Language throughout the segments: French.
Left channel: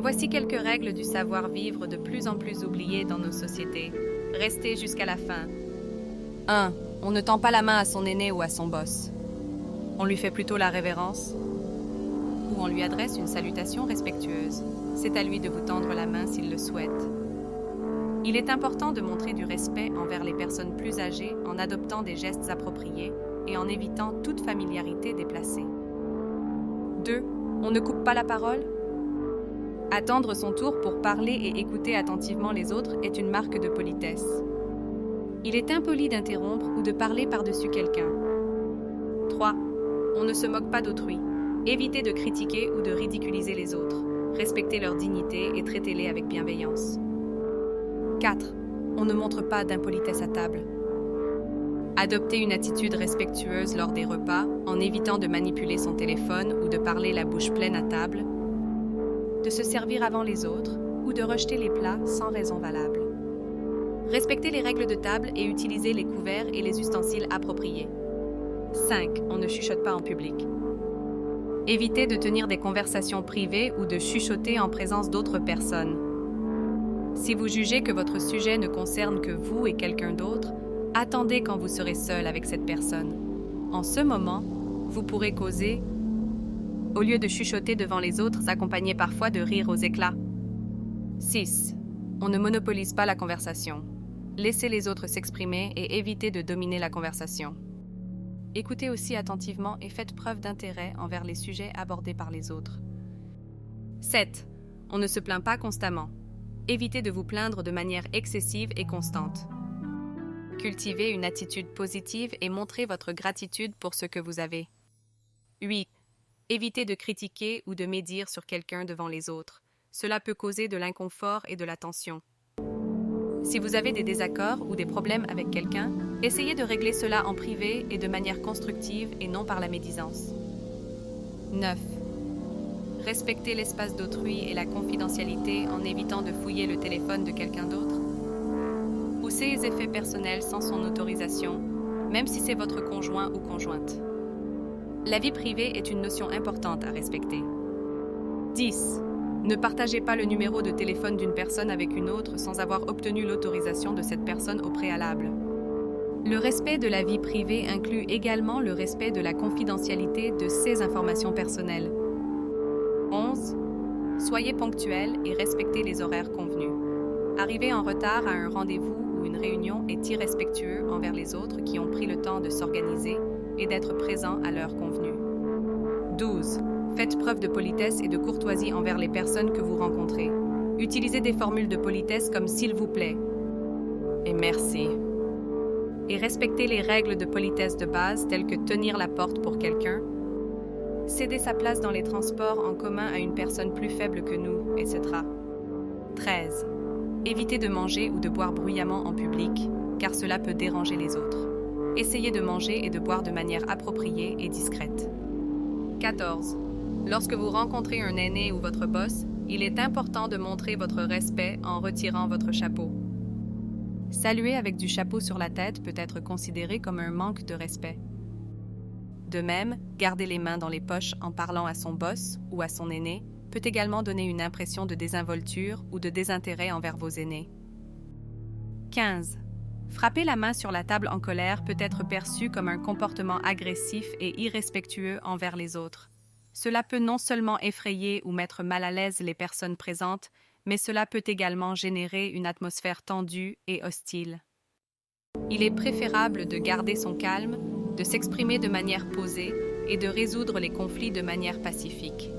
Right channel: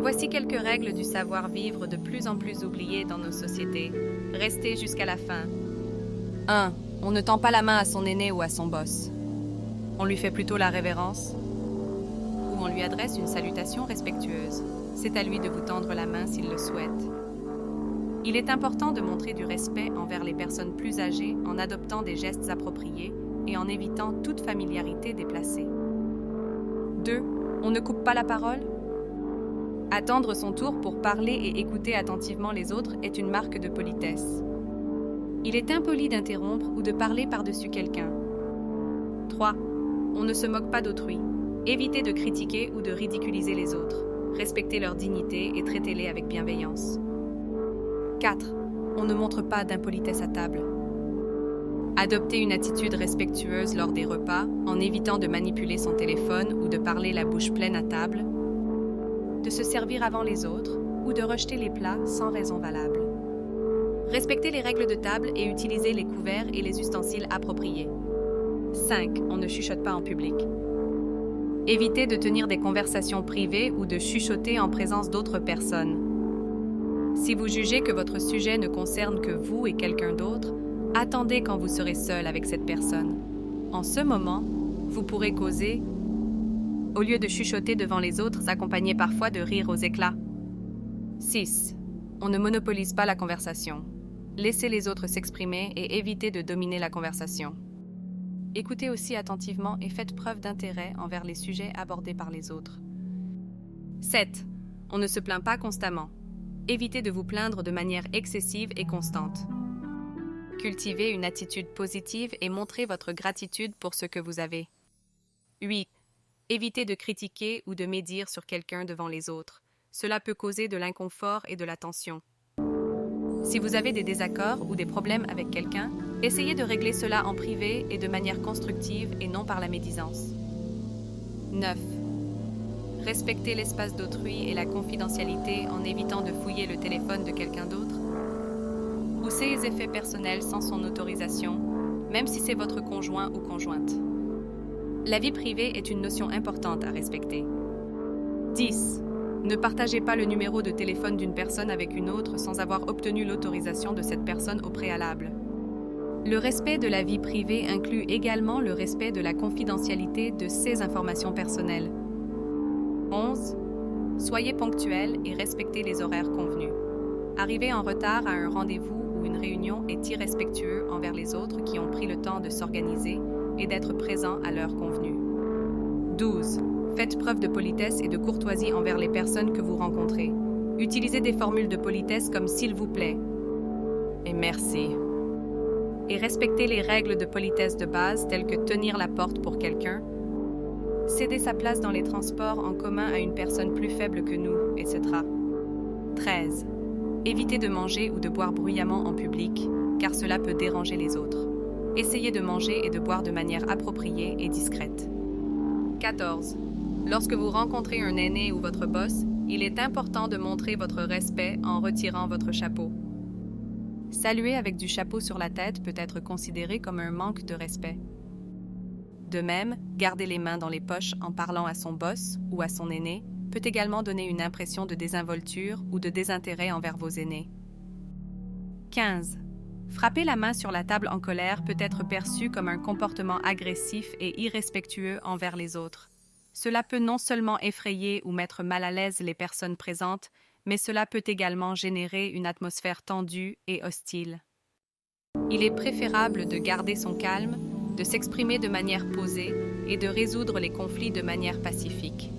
Voici quelques règles du savoir-vivre de plus en plus oubliées dans nos sociétés. Restez jusqu'à la fin. 1. On ne tend pas la main à son aîné ou à son boss. On lui fait plutôt la révérence ou on lui adresse une salutation respectueuse. C'est à lui de vous tendre la main s'il le souhaite. Il est important de montrer du respect envers les personnes plus âgées en adoptant des gestes appropriés et en évitant toute familiarité déplacée. 2. On ne coupe pas la parole. Attendre son tour pour parler et écouter attentivement les autres est une marque de politesse. Il est impoli d'interrompre ou de parler par-dessus quelqu'un. 3. On ne se moque pas d'autrui. Évitez de critiquer ou de ridiculiser les autres. Respectez leur dignité et traitez-les avec bienveillance. 4. On ne montre pas d'impolitesse à table. Adoptez une attitude respectueuse lors des repas en évitant de manipuler son téléphone ou de parler la bouche pleine à table, de se servir avant les autres ou de rejeter les plats sans raison valable. Respectez les règles de table et utilisez les couverts et les ustensiles appropriés. 5. On ne chuchote pas en public. Évitez de tenir des conversations privées ou de chuchoter en présence d'autres personnes. Si vous jugez que votre sujet ne concerne que vous et quelqu'un d'autre, attendez quand vous serez seul avec cette personne. En ce moment, vous pourrez causer, au lieu de chuchoter devant les autres, accompagné parfois de rires aux éclats. 6. On ne monopolise pas la conversation. Laissez les autres s'exprimer et évitez de dominer la conversation. Écoutez aussi attentivement et faites preuve d'intérêt envers les sujets abordés par les autres. 7. On ne se plaint pas constamment. Évitez de vous plaindre de manière excessive et constante. Cultivez une attitude positive et montrez votre gratitude pour ce que vous avez. 8. Évitez de critiquer ou de médire sur quelqu'un devant les autres. Cela peut causer de l'inconfort et de la tension. Si vous avez des désaccords ou des problèmes avec quelqu'un, essayez de régler cela en privé et de manière constructive et non par la médisance. 9. Respectez l'espace d'autrui et la confidentialité en évitant de fouiller le téléphone de quelqu'un d'autre. Ou ses effets personnels sans son autorisation, même si c'est votre conjoint ou conjointe. La vie privée est une notion importante à respecter. 10. Ne partagez pas le numéro de téléphone d'une personne avec une autre sans avoir obtenu l'autorisation de cette personne au préalable. Le respect de la vie privée inclut également le respect de la confidentialité de ces informations personnelles. 11. Soyez ponctuel et respectez les horaires convenus. Arriver en retard à un rendez-vous ou une réunion est irrespectueux envers les autres qui ont pris le temps de s'organiser et d'être présents à l'heure convenue. 12. Faites preuve de politesse et de courtoisie envers les personnes que vous rencontrez. Utilisez des formules de politesse comme « s'il vous plaît » et « merci ». Et respectez les règles de politesse de base telles que tenir la porte pour quelqu'un, céder sa place dans les transports en commun à une personne plus faible que nous, etc. 13. Évitez de manger ou de boire bruyamment en public, car cela peut déranger les autres. Essayez de manger et de boire de manière appropriée et discrète. 14. Lorsque vous rencontrez un aîné ou votre boss, il est important de montrer votre respect en retirant votre chapeau. Saluer avec du chapeau sur la tête peut être considéré comme un manque de respect. De même, garder les mains dans les poches en parlant à son boss ou à son aîné peut également donner une impression de désinvolture ou de désintérêt envers vos aînés. 15. Frapper la main sur la table en colère peut être perçu comme un comportement agressif et irrespectueux envers les autres. Cela peut non seulement effrayer ou mettre mal à l'aise les personnes présentes, mais cela peut également générer une atmosphère tendue et hostile. Il est préférable de garder son calme, de s'exprimer de manière posée et de résoudre les conflits de manière pacifique.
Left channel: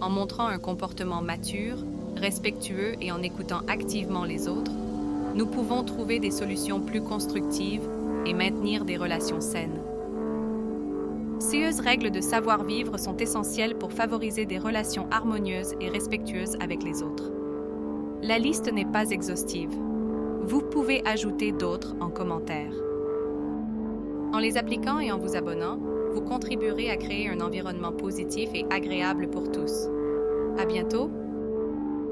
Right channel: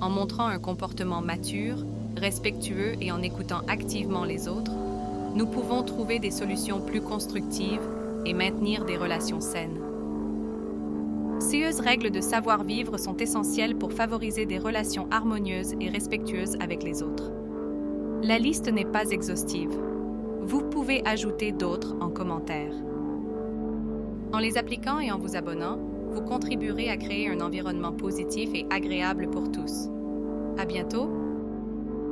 En montrant un comportement mature, respectueux et en écoutant activement les autres, nous pouvons trouver des solutions plus constructives et maintenir des relations saines. Ces règles de savoir-vivre sont essentielles pour favoriser des relations harmonieuses et respectueuses avec les autres. La liste n'est pas exhaustive. Vous pouvez ajouter d'autres en commentaire. En les appliquant et en vous abonnant, vous contribuerez à créer un environnement positif et agréable pour tous. À bientôt!